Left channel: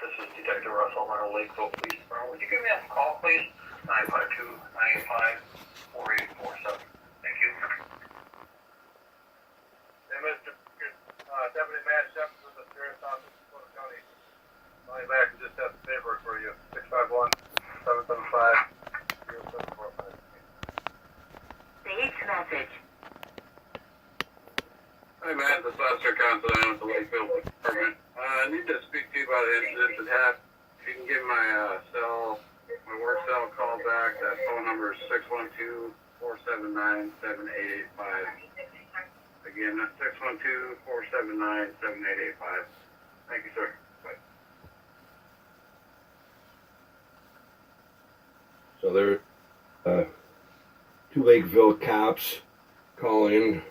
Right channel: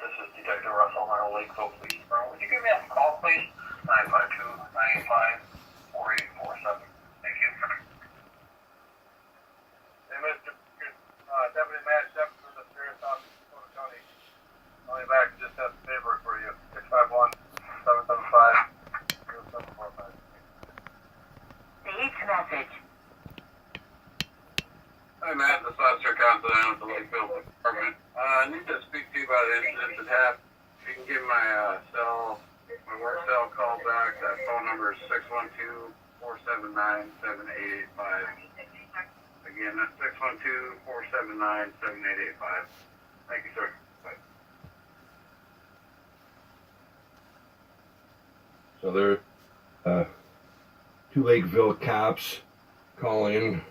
this is Detective Russell, Lakeville Police Department. Would you give me a call, please? 952-985-4847. Thank you. Hey, Mr. Deputy Matt Shepard from the Sheriff's Office in Dakota County. Calling back and just have paperwork for you. 651-775-0745. The H message. Hi, Matt. This is Lester Considine with the Lakeville Department. I need to speak to you about an incident that happened. If you can give my my work cell call back, that phone number is 612-479-7885. Again, that's 612-479-7885. Thank you, sir. Bye. So there two Lakeville cops calling,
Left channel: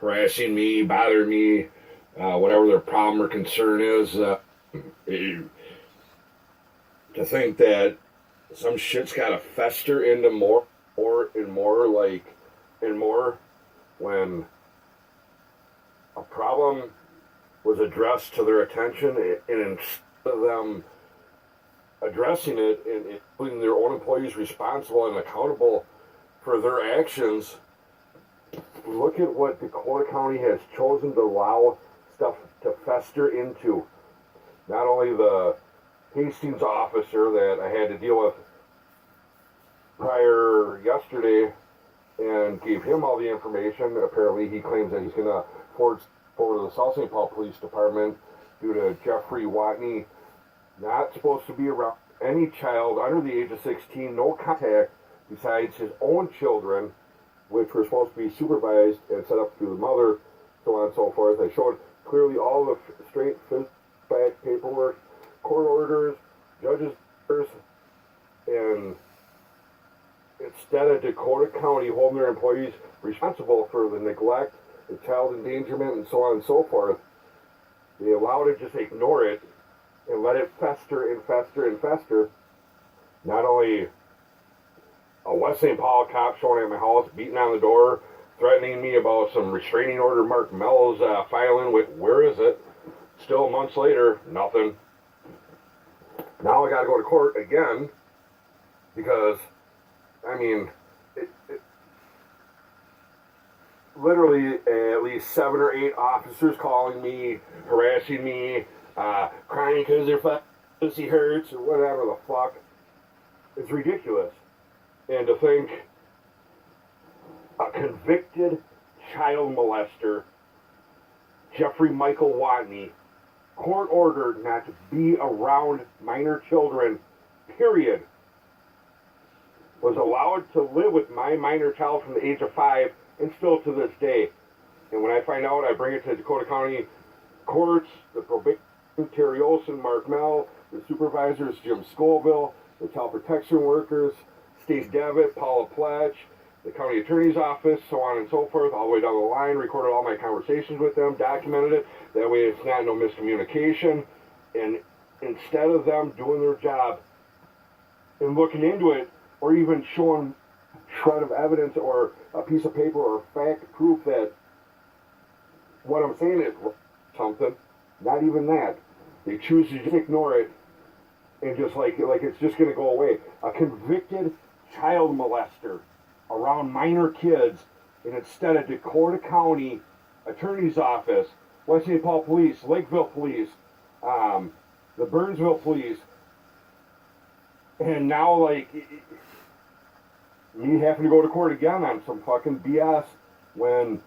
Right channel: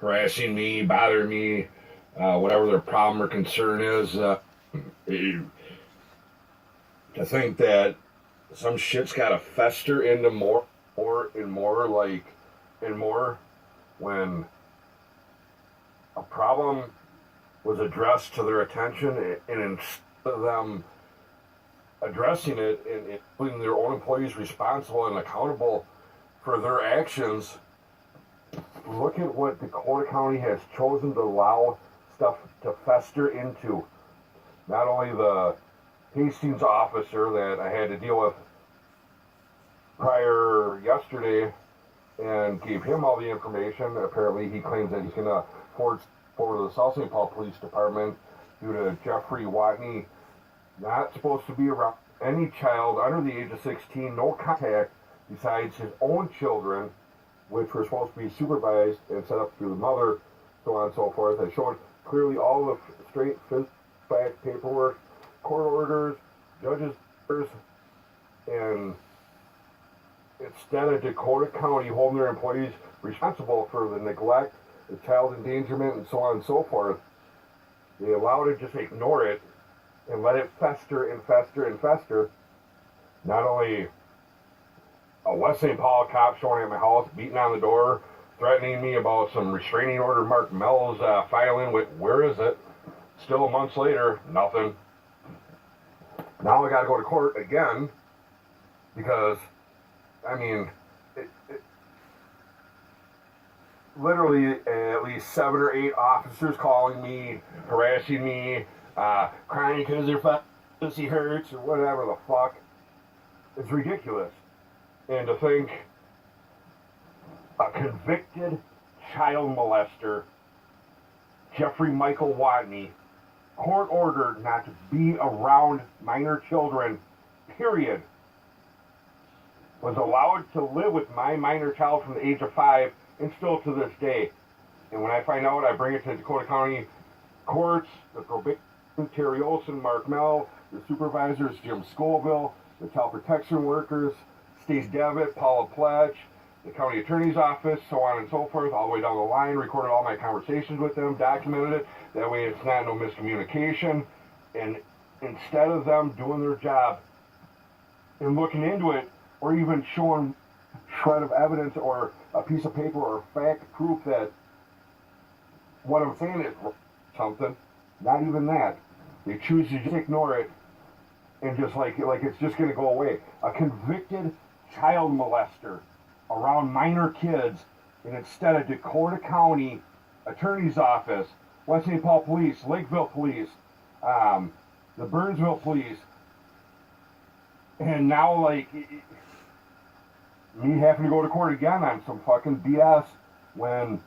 harassing me, bothering me, whatever their problem or concern is. To think that some shit's got to fester into more when a problem was addressed to their attention, and instead of them addressing it and putting their own employees responsible and accountable for their actions, look at what Dakota County has chosen to allow stuff to fester into. Not only the Hastings officer that I had to deal with prior yesterday and gave him all the information. Apparently he claims that he's going to forward to the South St. Paul Police Department due to Jeffrey Watney not supposed to be around any child under the age of 16, no contact besides his own children, which were supposed to be supervised and set up through the mother, so on and so forth. I showed clearly all the straight fact paperwork, court orders, judges' orders, and instead of Dakota County holding their employees responsible for the neglect, the child endangerment, and so on and so forth, they allow it to just ignore it and let it fester and fester and fester. Not only a West St. Paul cop showing at my house, beating on the door, threatening me about some restraining order Mark Mello's filing with, where is it? Still months later, nothing. Now I got to go to court again because, I mean, literally at least 7 or 8 officers calling me, harassing me, crying because their pussy hurts or whatever the fuck. It's ridiculous. And to think a convicted child molester, Jeffrey Michael Watney, court ordered not to be around minor children, period, was allowed to live with my minor child from the age of 5 and still to this day. And when I find out, I bring it to Dakota County courts, the probation, Terry Olson, Mark Mell, the supervisors, Jim Scoville, the child protection workers, Stace Devitt, Paula Pledge, the county attorney's office, so on and so forth, all the way down the line, recorded all my conversations with them, documented it, that way it's not no miscommunication, and instead of them doing their job and looking into it, or even showing a shred of evidence or a piece of paper or fact proof that what I'm saying is something, not even that. They choose to just ignore it and just like it's just going to go away. A convicted child molester around minor kids, and instead of Dakota County Attorney's Office, West St. Paul Police, Lakeville Police, the Burnsville Police, and now like me having to go to court again on some fucking BS when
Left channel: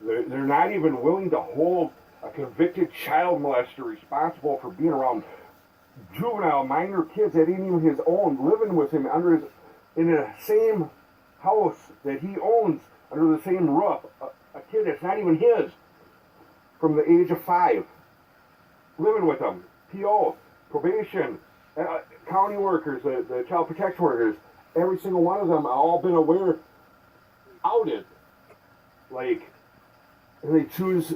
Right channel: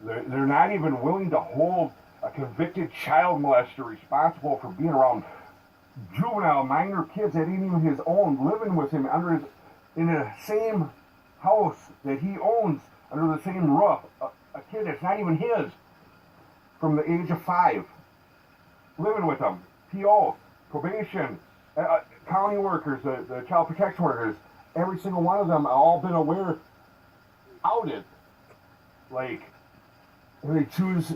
they're not even willing to hold a convicted child molester responsible for being around juvenile minor kids that ain't even his own, living with him in the same house that he owns under the same roof. A kid that's not even his, from the age of 5, living with him. PO, probation, county workers, the child protection workers, every single one of them, all been aware, outed. Like, and they choose,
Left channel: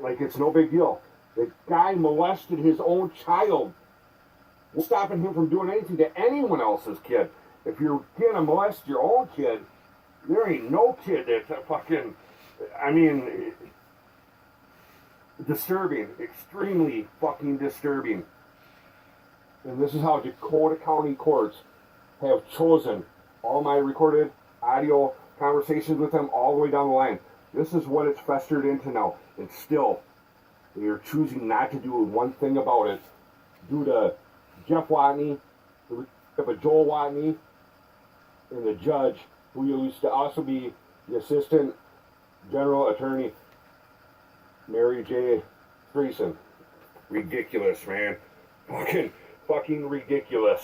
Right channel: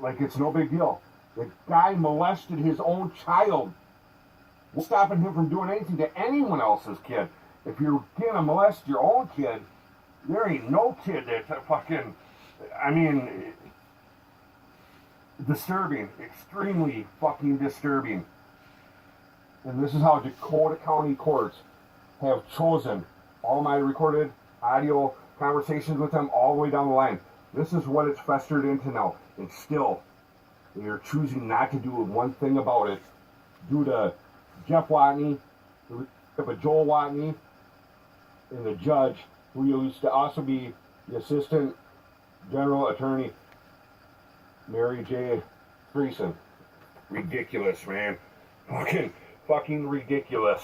like it's no big deal. The guy molested his own child. What's stopping him from doing anything to anyone else's kid? If you're gonna molest your own kid, there ain't no kid that's a fucking, I mean, disturbing, extremely fucking disturbing. And this is how Dakota County courts have chosen all my recorded audio conversations with them all the way down the line. This is what it's festered into now. And still, they are choosing not to do one thing about it due to Jeff Watney, Joel Watney, and the judge, who used to also be the assistant general attorney, Mary J. Greason. Ridiculous, man. Fucking ridiculous.